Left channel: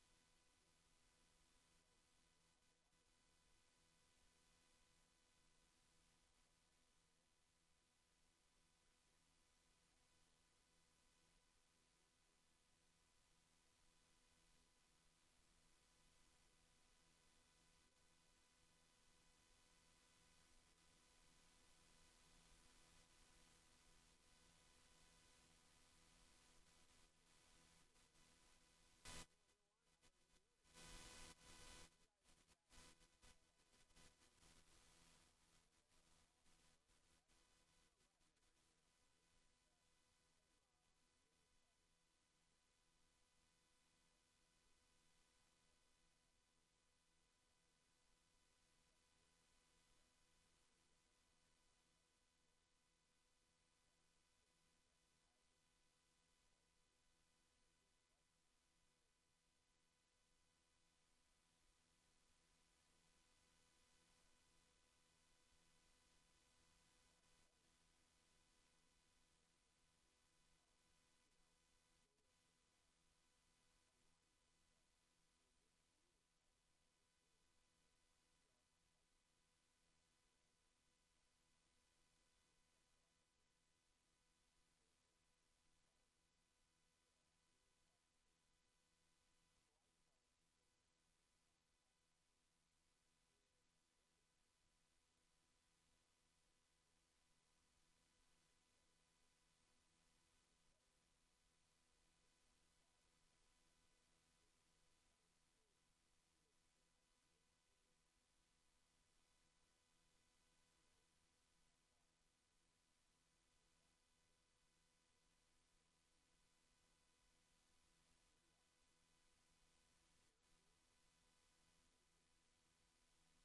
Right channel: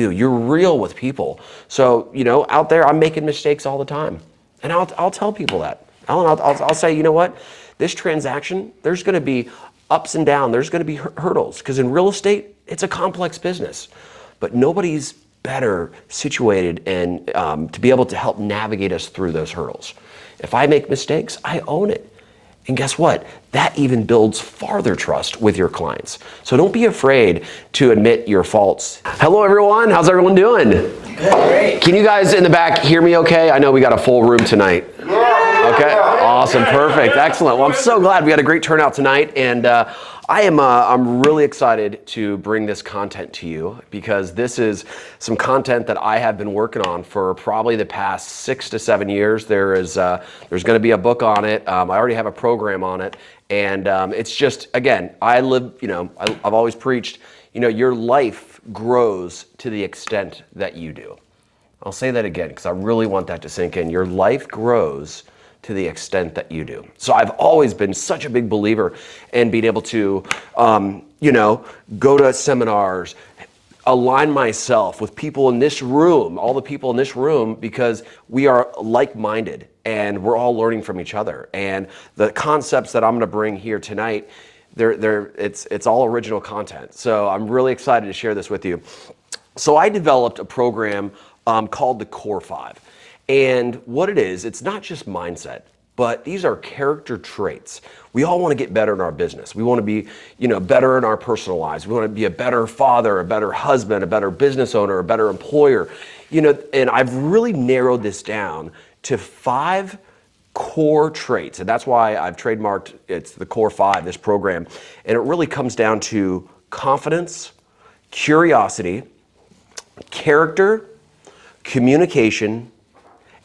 You're real with people. So, out there, I'm making mistakes all the time. And I'll tell people that. I'll say, you know what? This transaction, there's going to be ups and downs. There's going to be hurdles. Because in real estate, it's a complex business. But nobody's better situated and to be able to help navigate us through those hurdles. If I make mistakes, I own it. And guess what? That even builds farther trust with your clients. So don't be afraid to admit your faults. Hello, everyone. How's everyone doing? Good, great. Can you guys in the back hear me okay? I know we got a full room tonight. Okay, awesome, perfect, excellent. Well, I'm so glad we had a great turnout tonight, and I'm really excited to bring this content to you because this is some content that I have been working on for probably the past 6 to 7 years. There's going to be a book on it. I already have a program on it, and it's just, again, I've always preached, your life grows to the extent that you do. I'll say that again because I really want that to sink in. Your life grows to the extent that you do. So I've always been such a big believer in being able to, go to seminars, align myself with people in this room, all the people in this room, because we are like-minded and we're all learning from each other. And the concepts that I'm going to bring here tonight, it's all original content. So I'm really excited to share this with you. So I developed a program called the Core 5. And what it is, it's not just mindset, but these are character traits. We all want to get better in our business. We want to be, better in our personal lives. We want to be a better father, a better husband, a better business owner, a better employer. And I've really narrowed this down to 5 core traits. And that's why I've trademarked it's the Core 5, this program. And it really comes down to confidence, curiosity, character, communication,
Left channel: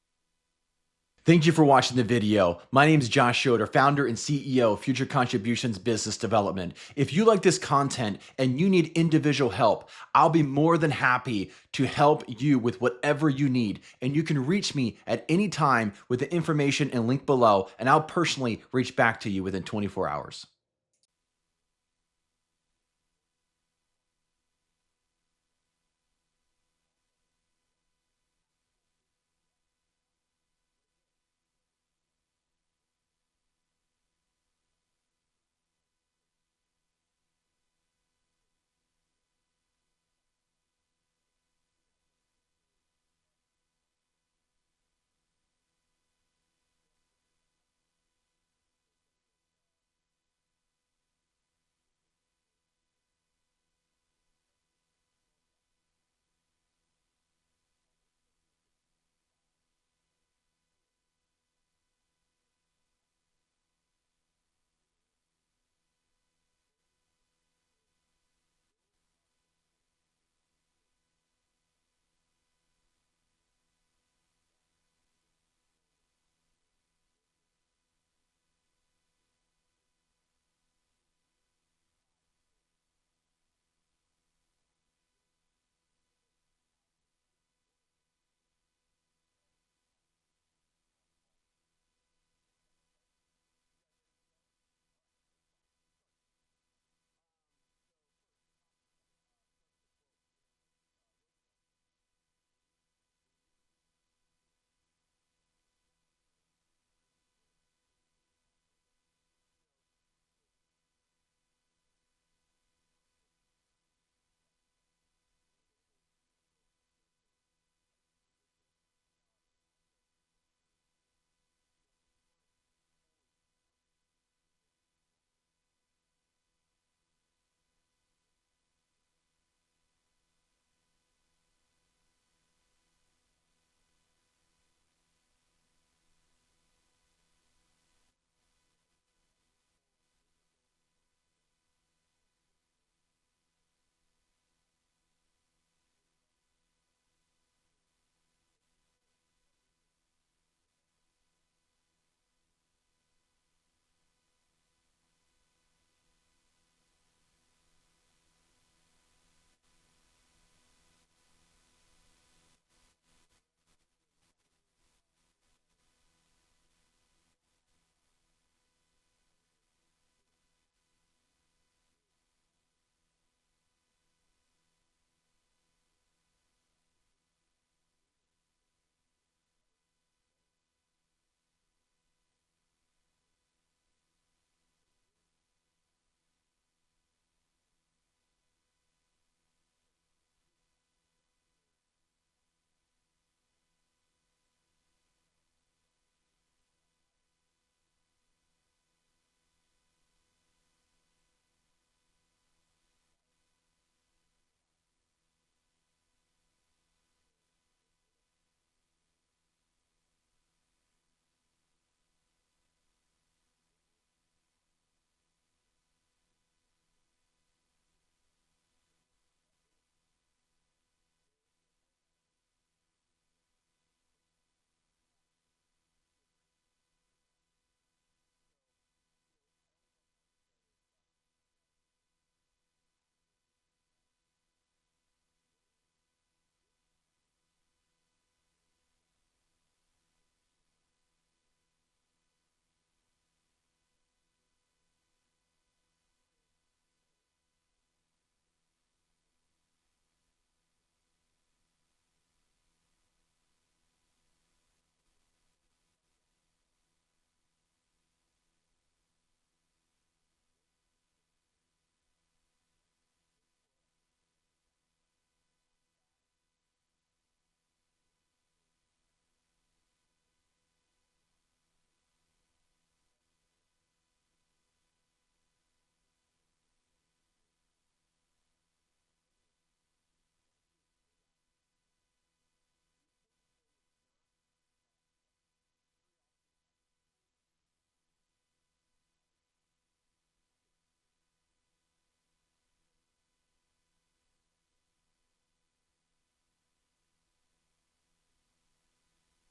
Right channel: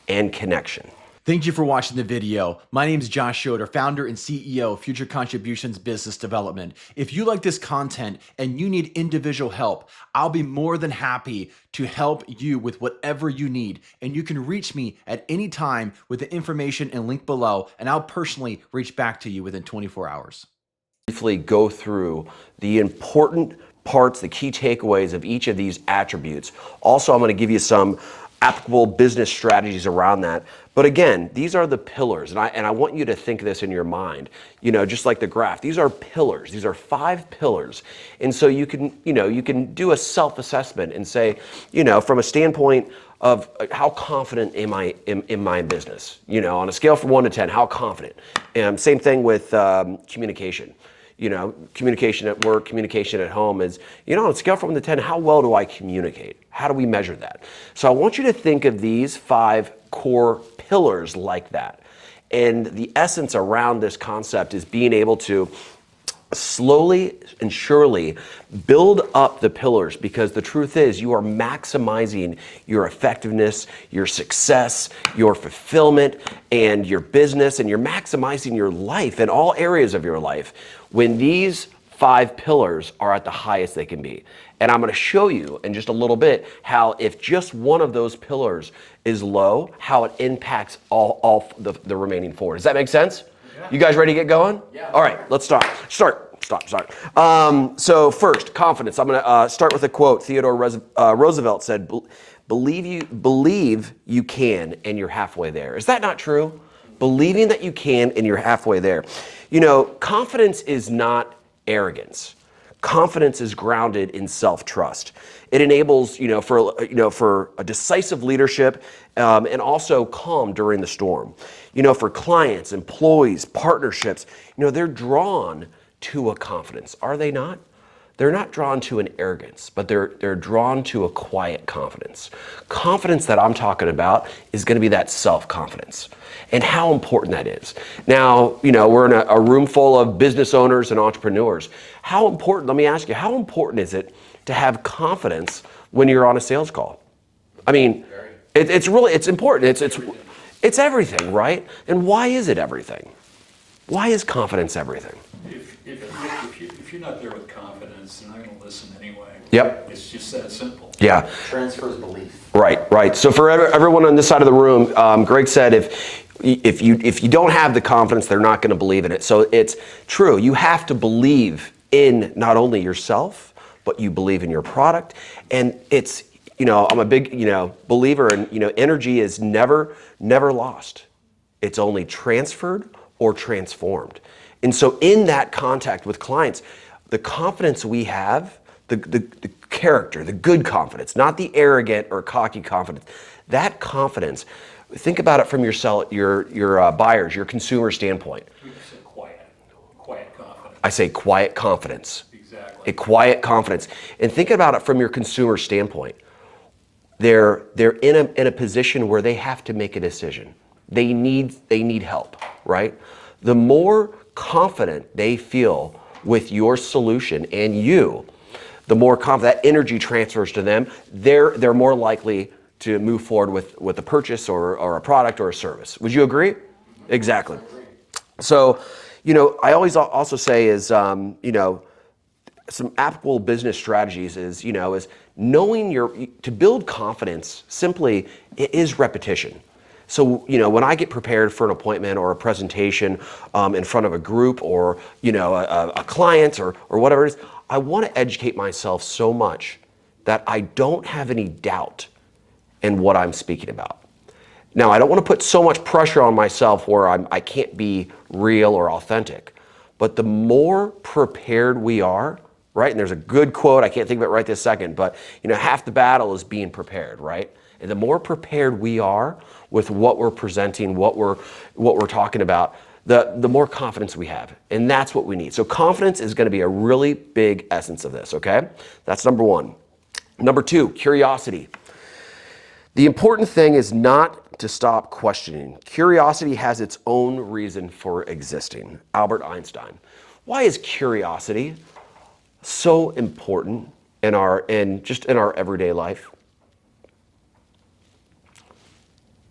and connection. Thank you for watching the video. My name is Josh Schroeder, founder and CEO of Future Contributions Business Development. If you like this content and you need individual help, I'll be more than happy to help you with whatever you need. And you can reach me at any time with the information and link below, and I'll personally reach back to you within 24 hours. Briefly go through the important parts, the key takeaways of each of these attributes. Also, I'm going to give you some applicable business strategies around that. But again, these are the pillars, and I want you to think this in your mind, just like the graph. These are pillars. These are 5 pillars. And so you can do a self-assessment and say, from a standpoint of how confident am I in my business? On a scale from 1 to 10, how confident? Same thing with communication. Communication at work, communication at home is, on a scale from 1 to 10, how well do I communicate? How do we measure that? So I want you to think of these 5 core pillars like that. And the essence around this concept is being able to slowly and surely build up the pillars, because the truth is you are maximizing your effectiveness, your success, your fulfillment, and your business, and you're maximizing your life in all areas of your life when these 5 pillars are at the highest they can be. And I'm going to show you in just a little bit how if just one of those pillars is low, how it impacts all the remaining 4. Does that make sense? Yeah. You guys ready to get going? Yeah. All right, let's start. So first, confidence. I'm going to start with a quote. Theodore Roosevelt said, believe you can and you're halfway there. Is that not true? Believing that you can and you're halfway there. Confidence is not arrogance. Confidence is grounded in self-trust. It enables, for a decisive leadership and also calm during the storm. For clients, employees, partnerships, they're drawn to a confidence, are they not? They're not drawn to an arrogance, but they're drawn to a quiet confidence. Confidence that I'm talking about is going to be that self-confidence and how important that is. Now, we're in a room full of business owners and entrepreneurs. How important, let me ask you, how important is it to have confidence when you're on a sales call? I mean, it's important. It's everything, right? And why is it everything? Why is confidence everything? If you're not there with confidence, they're not going to listen anyway. Yep. It's just that simple. Yeah. Transfers belief. Right. So for everyone on this side of the room, Greg said if you don't have the confidence, they're not going to believe in it. So it's true. You have to believe in not only yourself, but you believe in your product. And I'm a big, believer in, energy is never lost. It's only transferred or transformed. And so in that contact with clients, the confidence we have, the character, the good confidence, not the arrogant or cocky confidence, that confidence, think about it from your buyers, your consumer standpoint. We just said quiet confidence. I say quiet confidence. Exactly. A quiet confidence. And think about it from your consumer standpoint. They're in a position where they have to make a decision. They need help, right? The more confident they feel with your solution and you, the more confident that energy transfers to them. They're more likely to move forward with a purchase or a product or a service. Would you agree? Exactly. So, I always also say is, some applicable business strategies is knowing to build confidence simply it is repetition. So, when I get prepared for an appointment or a presentation in front of a group or, a client or whatever it is, I want to educate myself so much that I don't have any doubt in what I'm speaking about. Now, I don't want to put so much pressure on myself where I can't be real or authentic, but the more prepared we are, right? And there's a good quote, I can't think of it right this second, but half the battle is being prepared, right? And the more prepared we are with what we're presenting, what we're talking about, the more confidence we have. And that's what we need. So confidence is going to be a really big essence of this, okay? That's number one. Number two, curiosity. The important thing is not to stop questioning. Curiosity has its own reason for existing. Albert Einstein. Why is curiosity so important in our everyday life?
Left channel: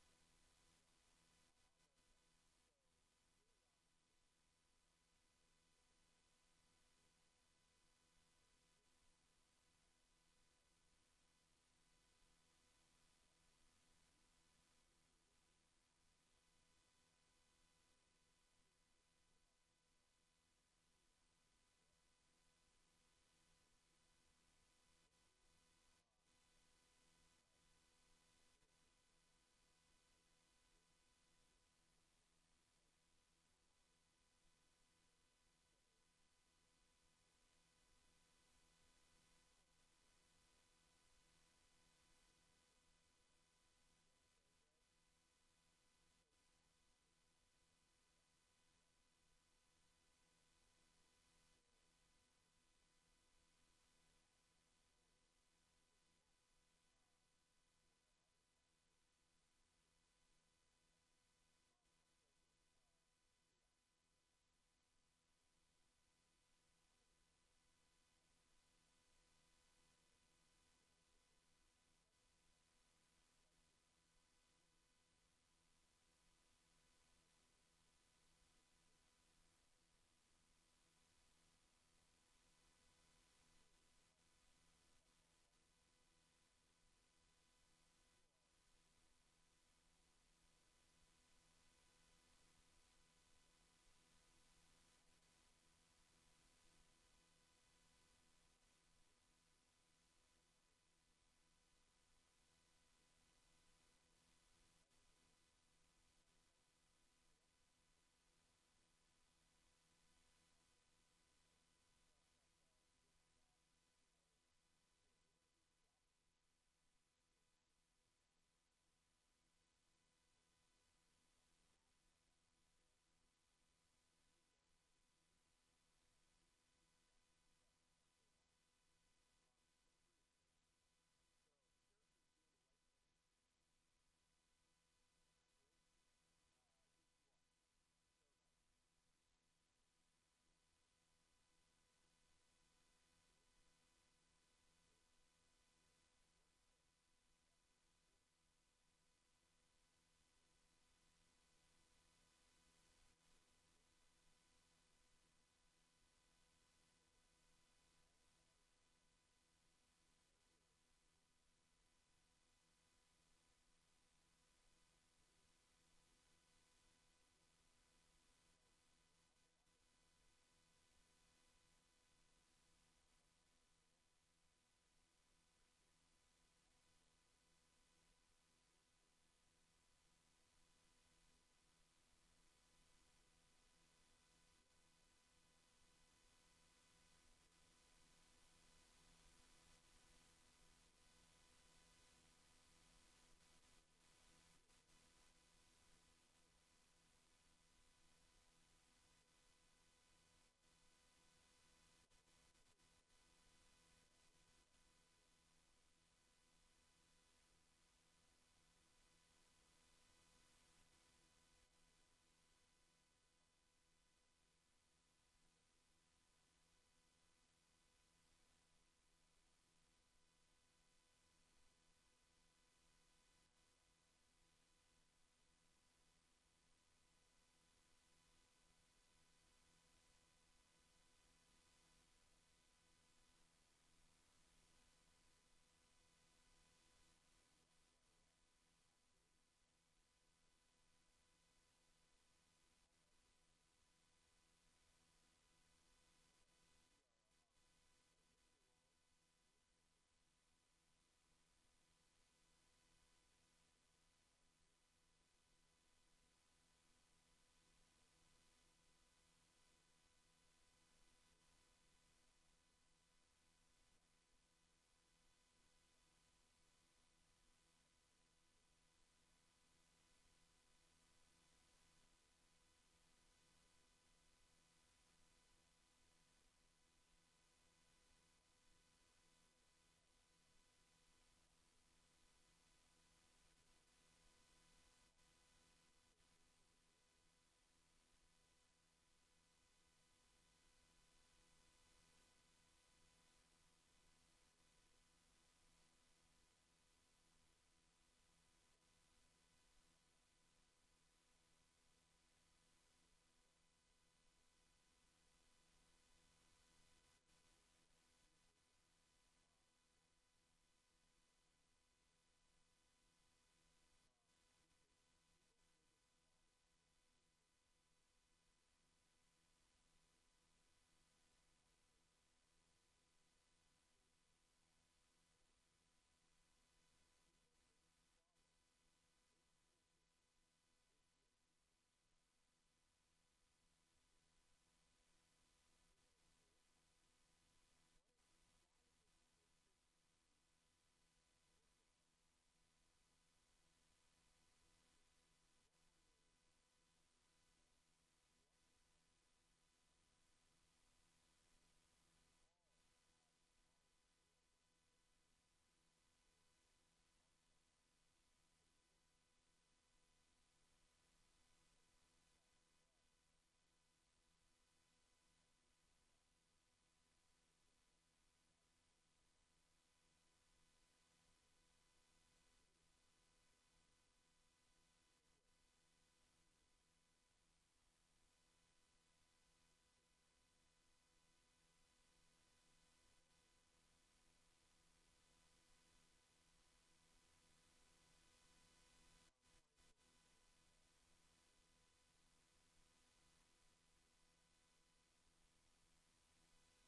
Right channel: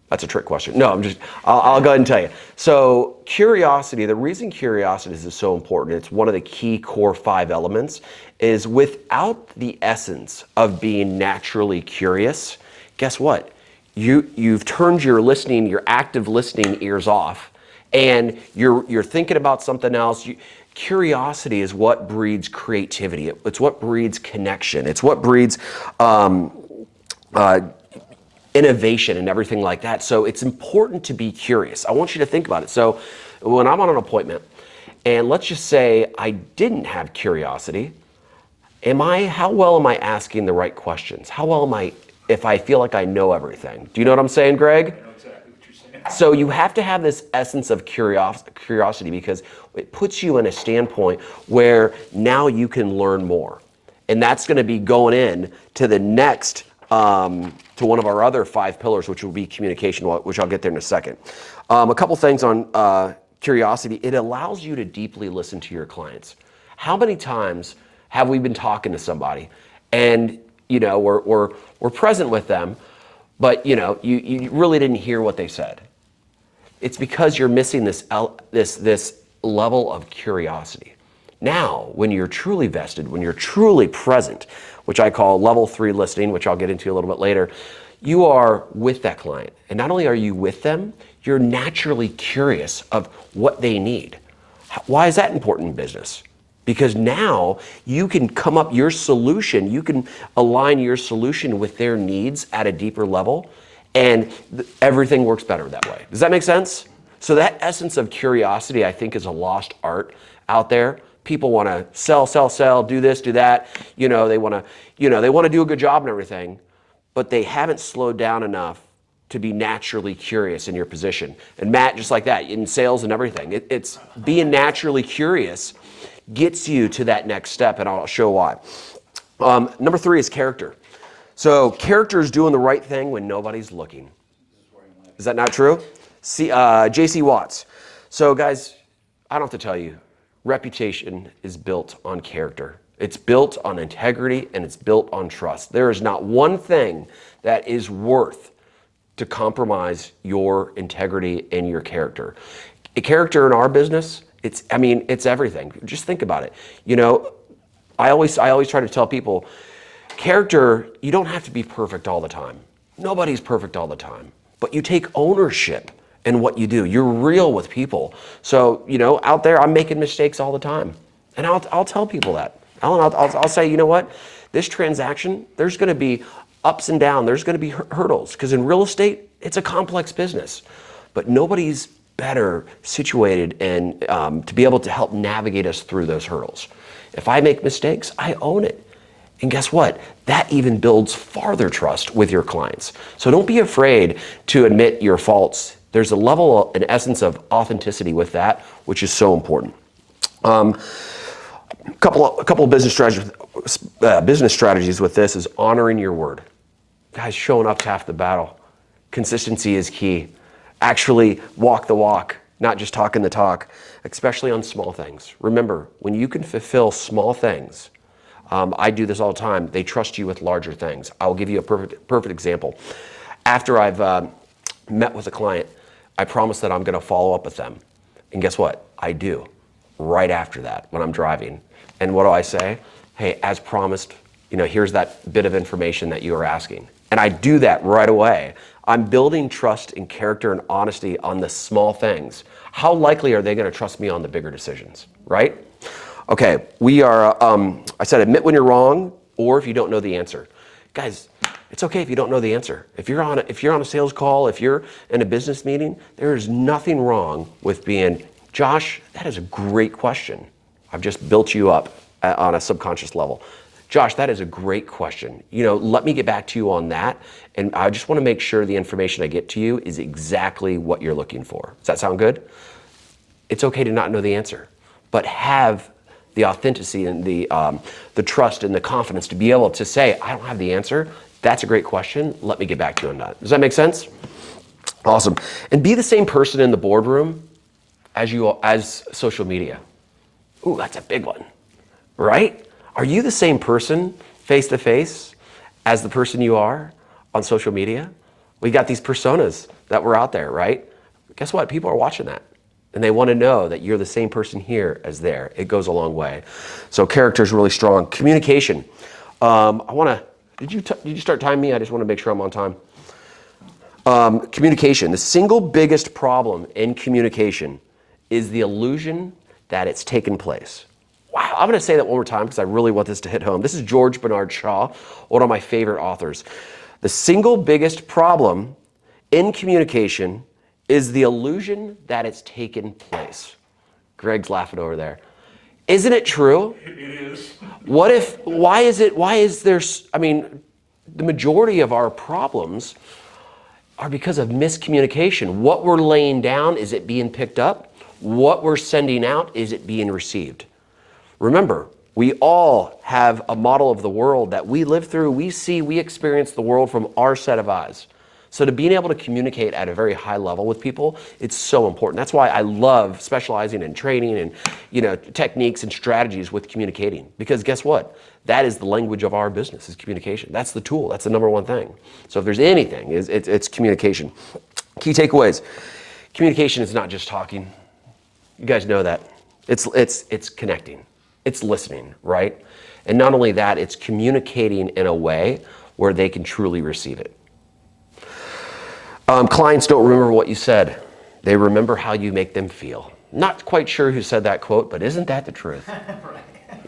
That's a trick question. No, I'll go ahead and tell you. So curiosity, the reason curiosity is so important, it's one of the key core 5 elements, is without the essence of being naturally curious, guess what? You've turned your active listening ears off, and you're thinking about something else. Curiosity is what breeds creativity. It's what breeds connection. It's what breeds innovation and everything like that. So it's important to be curious. I want you to think about it. So when I'm on an appointment, and let's just say I didn't have curiosity, how well am I asking the right questions? How well am I if I feel like I know everything? Do you know what I'm saying, Greg? I know exactly what you're saying. So you have to have this essence of curiosity because it puts you in a standpoint where now you can learn more. And that's going to be going in to the next, to one of our other 5 pillars, which will be communication, which I'll get there in a second. A couple things on curiosity. It allows you to deeply listen to your clients. How many times have we been talking to somebody and we're present with them, but you really didn't hear what they said? It's because you're missing this level of curiosity. Now, when you're truly vested, when you're truly present, which I call level 3 listening, which I'll get into a little bit later, you are with that client. And not only are you with them, you're naturally curious of what they need. Why is that important in business? Because now you can come up your solution, you can align your solution with their needs at a deeper level, and everything works better that way. Does that make sense? So that essence of curiosity, I think, is a lost art out there. People want to sell, do this, do that. They want to do a good job and everything, but they haven't slowed down enough to be naturally curious in your position. And Matt, just like that, in sales and everything, it's being naturally curious gets you to that next step, and I'll show why. Number 3 is character. So character is doing the right thing when nobody's looking. Is that not true? J.C. Watts. So guys, I don't have to tell you, reputation is built on character. It's built on integrity, and it's built on trust. There is not one thing that is worth to compromise your integrity and your character. A character in our business, it's everything. Just think about it. I always try to tell people, character, you don't have to be perfect all the time. Nobody's perfect all the time, but you take ownership in what you do. You're real with people. So, out there, I'm making mistakes all the time, and I'll tell people that. I'll say, you know what? This transaction, there's going to be ups and downs. There's going to be hurdles because in real estate, it's a complex business, but nobody's better situated and to be able to help navigate us through those hurdles. If I make mistakes, I own it. And guess what? That even builds farther trust with your clients. So don't be afraid to admit your faults. There's a level, an essence of authenticity with that, which is so important. A couple of business strategies with this is honoring your word. Guys, showing up's half the battle. Consistency is key. Actually walk the walk, not just talking the talk, especially on small things. Remember, when you can fulfill small things, I do this all the time, they trust you with larger things. I'll give you a perfect example. After I've met with a client, I promise that I'm gonna follow up with them. And guess what? I do, right after that, when I'm driving. And what do I say? Hey, as promised, here's that bit of information that you were asking. And I do that right away. I'm building trust and character and honesty on the small things. How likely are they gonna trust me on the bigger decisions, right? Okay, we are, I said admit when you're wrong or if you don't know the answer. Guys, it's okay if you don't know the answer. If you're on a sales call, if you're in a business meeting, there is nothing wrong with being, Josh, that is a great question. I've just built you up on a subconscious level. Josh, that is a great question. Let me get back to you on that. And I just want to make sure the information I get to you is exactly what you're looking for. Does that sound good? It's okay to not know the answer, but have the authenticity and the trust and the confidence to be able to say, I don't have the answer. That's a great question. Let me get back to you on that. Does that make sense? Awesome. And be the same person in the boardroom as social media. Ooh, that's a big one, right? Are you the same person face to face as the person you are on social media? We got these personas that were out there, right? Guess what? People are watching that. And they want to know that you're the same person here as there. It goes a long way. So character is really strong. Communication. Did you start timing me? I just want to make sure I'm on time. Communication. The single biggest problem in communication is the illusion that it's taken place. Wow, I'm going to say that one more time because I really want this to hit home. This is George Bernard Shaw, one of my favorite authors. The single biggest problem in communication is the illusion that it's taken place. Greg's laughing over there. Isn't it true? It is. The majority of our problems are because of miscommunication. What we're laying down, is it being picked up? What we're sending out, is it being received? Remember, we all have a model of the world that we live through, we see, we experience the world from our set of eyes. So to being able to communicate at a very high level with people, it's so important. That's why I love specializing in training and techniques and strategies with communicating. Because guess what? That is the language of our business, is communication. That's the tool. That's the number one thing. So if there's anything, it's communication. Key takeaways. Communication is not just talking. You guys know that. It's connecting. It's listening, right? And not only that, it's communicating in a way where they can truly receive it. Clients don't remember what you said. They remember how you make them feel. Not quite sure who said that quote, but isn't that the truth?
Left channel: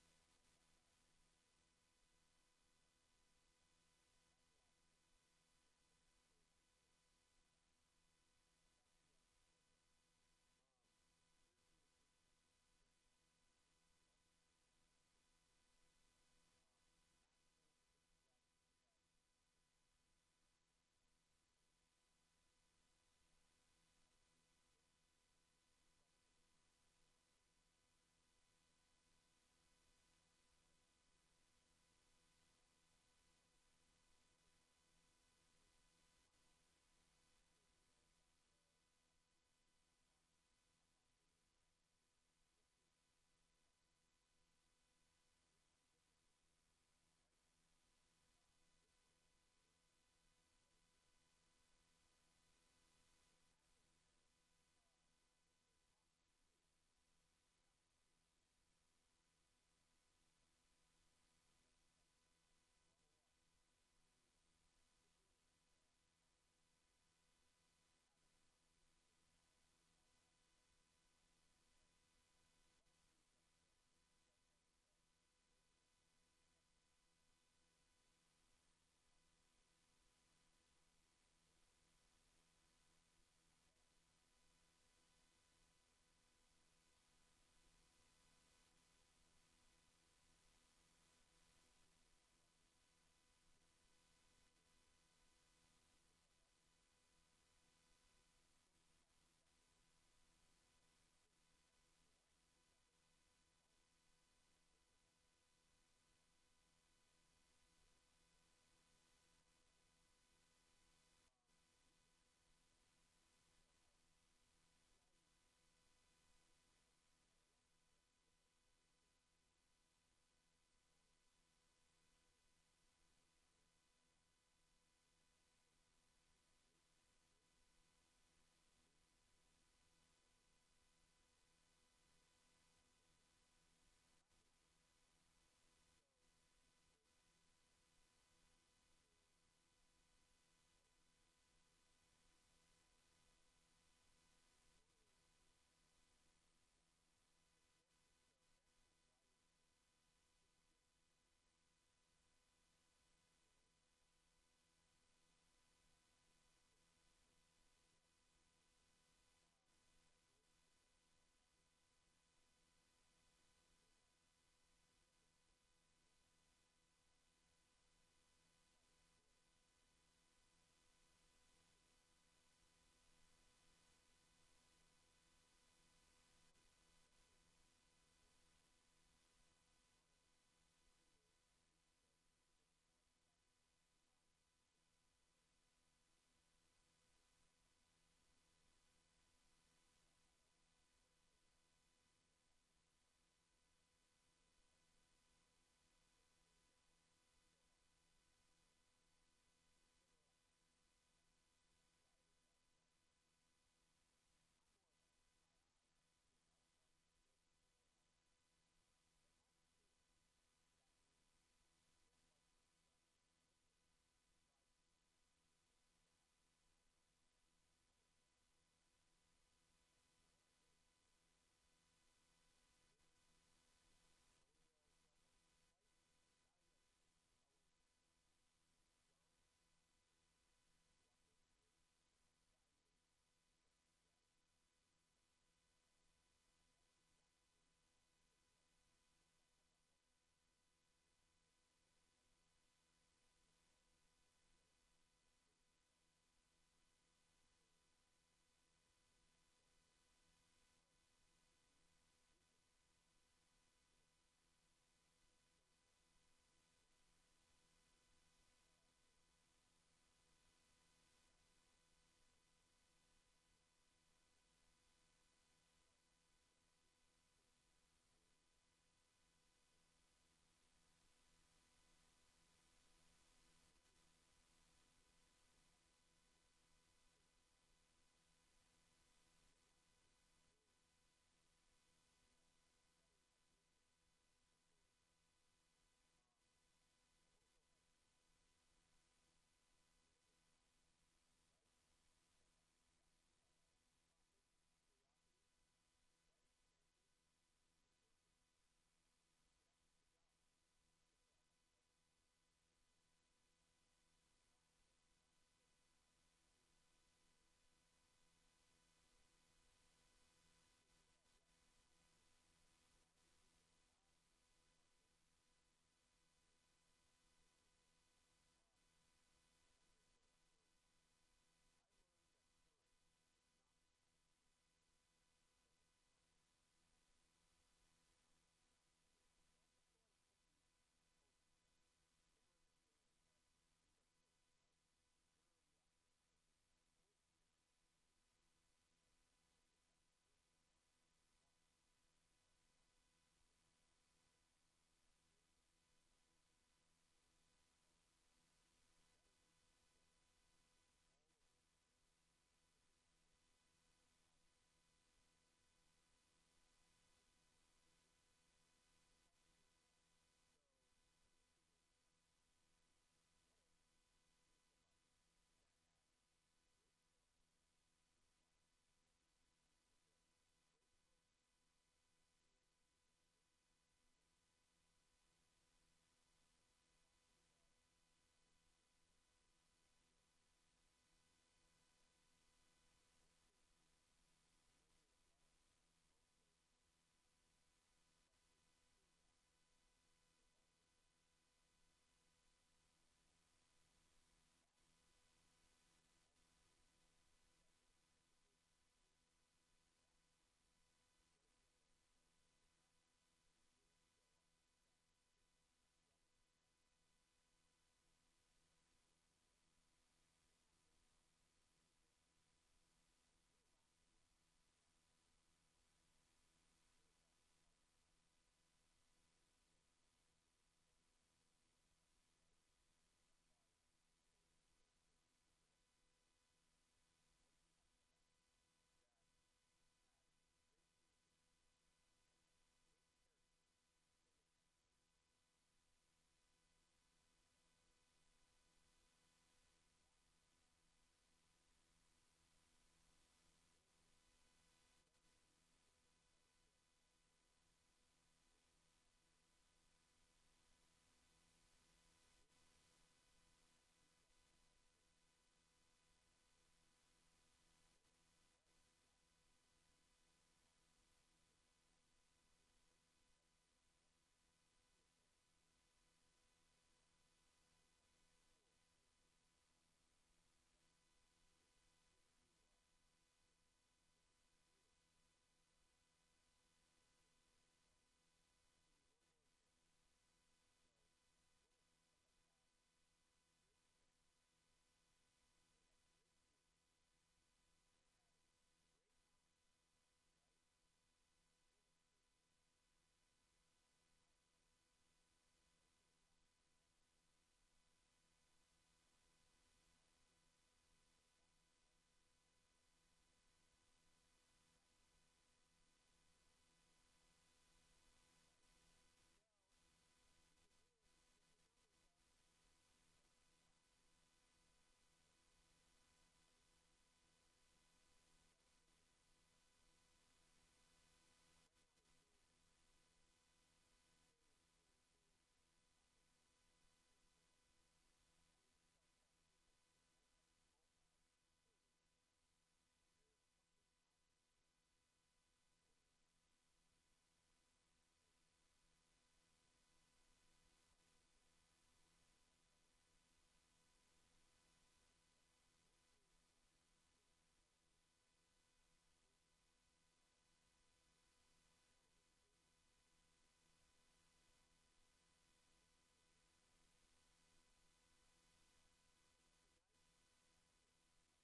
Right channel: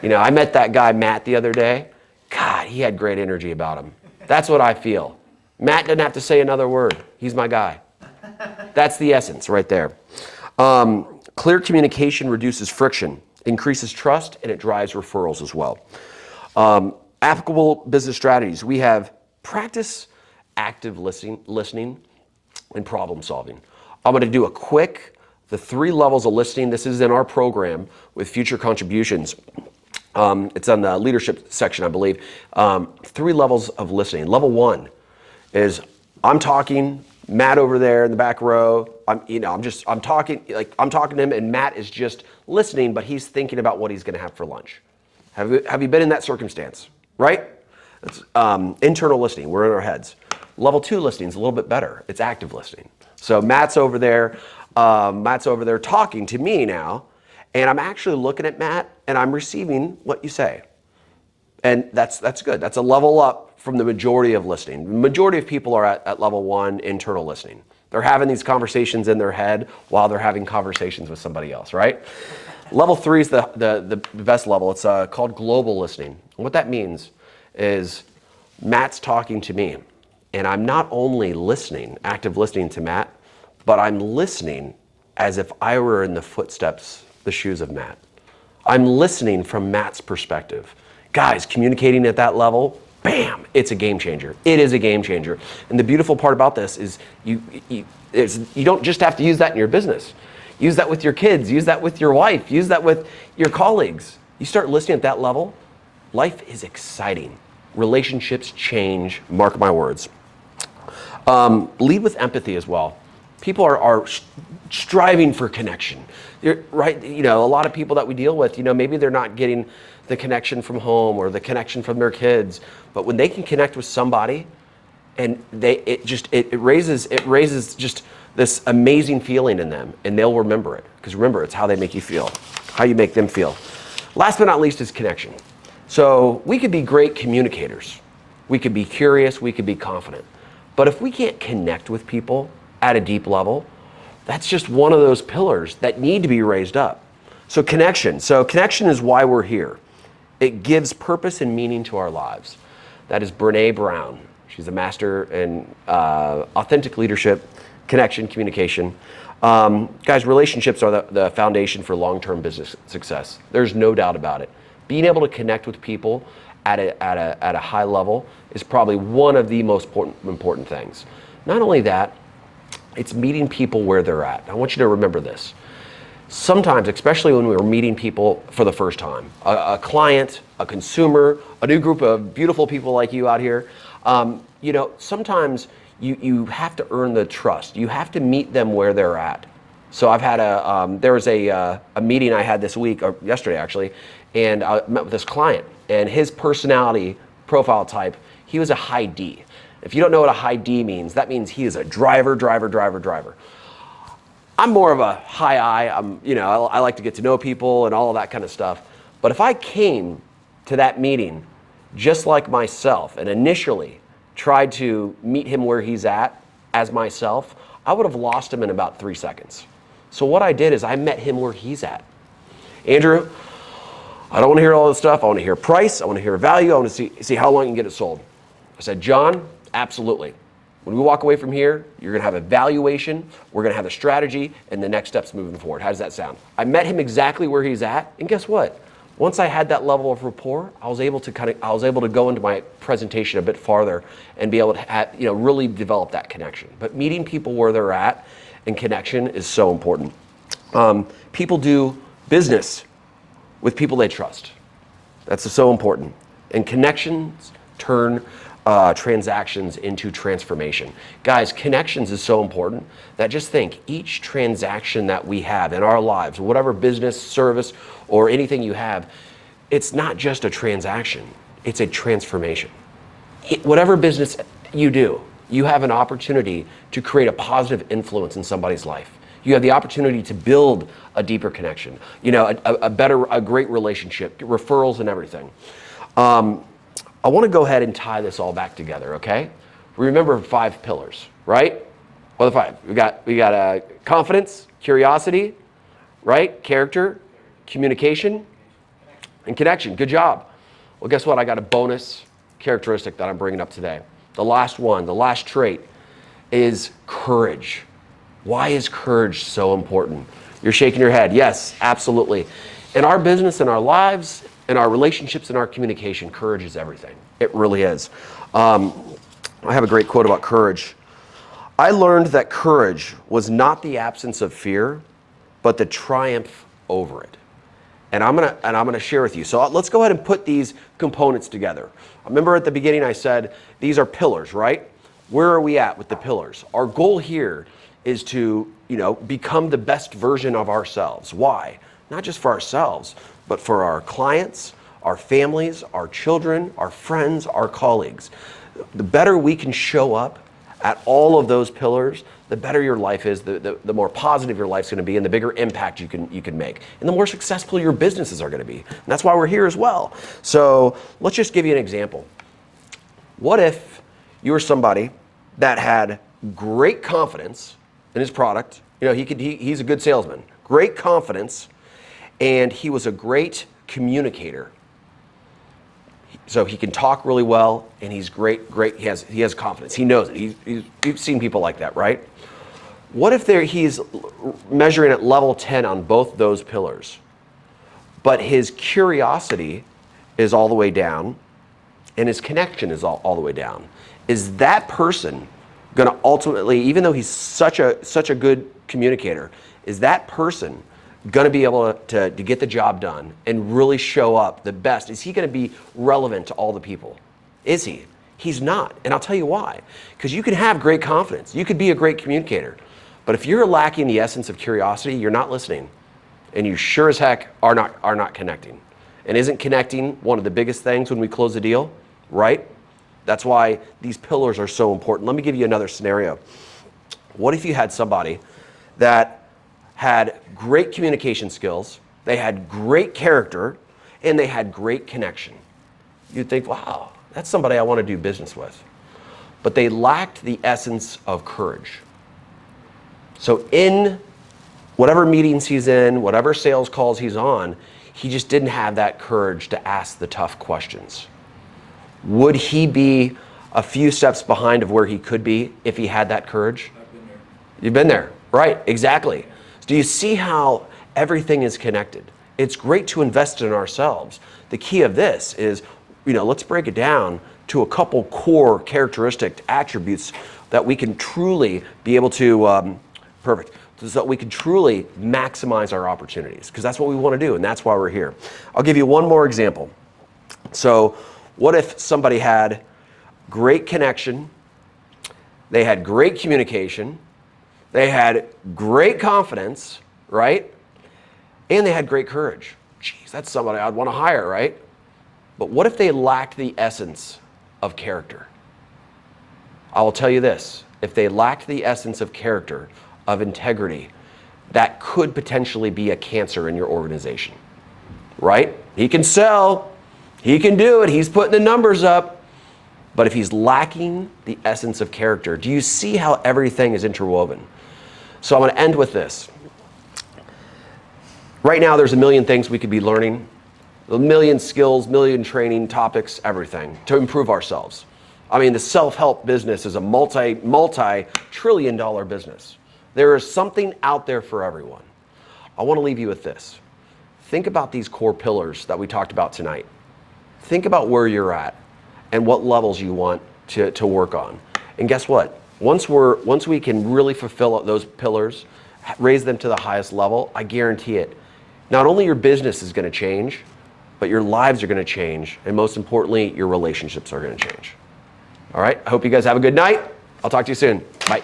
I met that guy, Matt, the other day. God, he had great energy about him. That's what I feel. Matt didn't have to say another word. He's my guy. That's the essence right there. Clear communication reduces friction, increases trust, and it drives referrals as well. Applicable business strategies. We have practice active listening and problem solving. I'm going to do the 3 levels of listening. This is in our program with future contributions. It's on the leadership section, I believe. 3 levels of listening. Level 1 is I'm talking, Matt over there in the back row. I'm talking to him, and Matt is just listening, but he's thinking about what he's going to have for lunch. Have you been in that circumstance? Right? It's internal listening. We're in our heads. Level 2 listening is a little bit better. It's active listening. So Matt's over there talking to me now, and I'm actually looking at Matt, and I'm receiving what you say. And that's good. That's a level up from the majority of listening. The majority of people are at level 1, internal listening. They're having these conversations in their head while they're having conversations with somebody else, right? Level 3 is the best level. It's called global listening. And what that means is Matt's talking to me, and I'm not only listening, active listening to Matt, but I'm listening as if I were in the footsteps, the shoes of Matt. I'm listening from Matt's perspective. Guys, communicating at that level, bam, it's a game changer. It is a game changer. And the beautiful part about this is you don't just have to use that in your business. Use that with your kids, use that with your wife, use that with your colleagues. You start listening at that level, life is exciting. Relationships change, mark my words. Lead with empathy as well. People are striving for connection, right? A lot of people that we deal with, maybe they're not getting the connection from home or the connection from their kids, but when they can connect with somebody, and it raises just this amazing feeling in them, and they'll remember it. Because remember, it's how they make you feel, how you make them feel. Last but not least is connection. So we could be great communicators. We could be curious, we could be confident. But if we can't connect with people at a deep level, that's just one of those pillars that need to be raised up. So connection is why we're here. It gives purpose and meaning to our lives. That is Brené Brown. She's a master in authentic leadership, connection, communication. Guys, relationships are the foundation for long-term business success. There's no doubt about it. Being able to connect with people at a high level is probably one of the most important things. Not only that, it's meeting people where they're at. I want you to remember this. Sometimes, especially when we're meeting people for the first time, a client, a consumer, a new group of beautiful people like you out here, sometimes you have to earn the trust. You have to meet them where they're at. So I've had there was a meeting I had this week, or yesterday actually, and I met with this client, and his personality profile type, he was a high D. If you don't know what a high D means, that means he is a driver. I'm more of a high I. I like to get to know people and all of that kind of stuff. But if I came to that meeting just like myself and initially tried to meet him where he's at as myself, I would have lost him in about 3 seconds. So what I did is I met him where he's at. Andrew, I don't want to hear all this stuff. I want to hear price. I want to hear value. I want to see how long you can get it sold. I said, John, absolutely. When we walk away from here, you're going to have a valuation, we're going to have a strategy, and the next steps moving forward. How does that sound? I met him exactly where he's at, and guess what? Once I had that level of rapport, I was able to go into my presentation a bit farther and be able to really develop that connection. But meeting people where they're at and connection is so important. People do business with people they trust. That's so important. And connections turn transactions into transformation. Guys, connections is so important that just think each transaction that we have in our lives, whatever business, service, or anything you have, it's not just a transaction, it's a transformation. Whatever business you do, you have an opportunity to create a positive influence in somebody's life. You have the opportunity to build a deeper connection, a great relationship, referrals and everything. I want to go ahead and tie this all back together, okay? Remember 5 pillars, right? What are the 5? We got confidence, curiosity, right? Character, communication, and connection. Good job. Well, guess what? I got a bonus characteristic that I'm bringing up today. The last one, the last trait is courage. Why is courage so important? You're shaking your head. Yes, absolutely. In our business, in our lives, in our relationships, in our communication, courage is everything. It really is. I have a great quote about courage. I learned that courage was not the absence of fear, but the triumph over it. And I'm gonna share with you. So let's go ahead and put these components together. Remember at the beginning I said these are pillars, right? Where are we at with the pillars? Our goal here is to, become the best version of ourselves. Why? Not just for ourselves, but for our clients, our families, our children, our friends, our colleagues. The better we can show up at all of those pillars, the better your life is, the more positive your life's going to be, and the bigger impact you can make, and the more successful your businesses are going to be. And that's why we're here as well. So let's just give you an example. What if you were somebody that had great confidence in his product? He's a good salesman, great confidence, and he was a great communicator. So he can talk really well, and he's great. He has confidence. He knows it. You've seen people like that, right? What if he's measuring at level 10 on both those pillars, but his curiosity is all the way down, and his connection is all the way down? Is that person going to ultimately, even though he's such a good communicator, is that person going to be able to get the job done and really show up the best? Is he going to be relevant to all the people? Is he? He's not. And I'll tell you why. Because you can have great confidence. You could be a great communicator. But if you're lacking the essence of curiosity, you're not listening. And you sure as heck are not connecting. And isn't connecting one of the biggest things when we close a deal, right? That's why these pillars are so important. Let me give you another scenario. What if you had somebody that had great communication skills, they had great character, and they had great connection? You'd think, wow, that's somebody I want to do business with. But they lacked the essence of courage. So in whatever meetings he's in, whatever sales calls he's on, he just didn't have that courage to ask the tough questions. Would he be a few steps behind of where he could be if he had that courage? I've been there. You've been there, right? Exactly. Do you see how everything is connected? It's great to invest in ourselves. The key of this is, let's break it down to a couple core characteristic attributes that we can truly be able to, so that we can truly maximize our opportunities, because that's what we want to do, and that's why we're here. I'll give you one more example. So what if somebody had great connection, they had great communication, they had great confidence, right? And they had great courage. Geez, that's somebody I'd want to hire, right? But what if they lacked the essence of character? I will tell you this, if they lacked the essence of character, of integrity, that could potentially be a cancer in your organization, right? He can sell, he can do it, he's putting the numbers up, but if he's lacking the essence of character, do you see how everything is interwoven? So I'm going to end with this. Right now, there's a million things we could be learning, a million skills, million training topics, everything to improve ourselves. I mean, the self-help business is a multi-trillion-dollar business. There is something out there for everyone. I want to leave you with this. Think about these core pillars that we talked about tonight. Think about where you're at and what levels you want to work on. And guess what? Once we can really fulfill those pillars, raise them to the highest level, I guarantee it. Not only your business is going to change, but your lives are going to change, and most importantly, your relationships are going to change. All right? I hope you guys have a good night. I'll talk to you soon. Bye.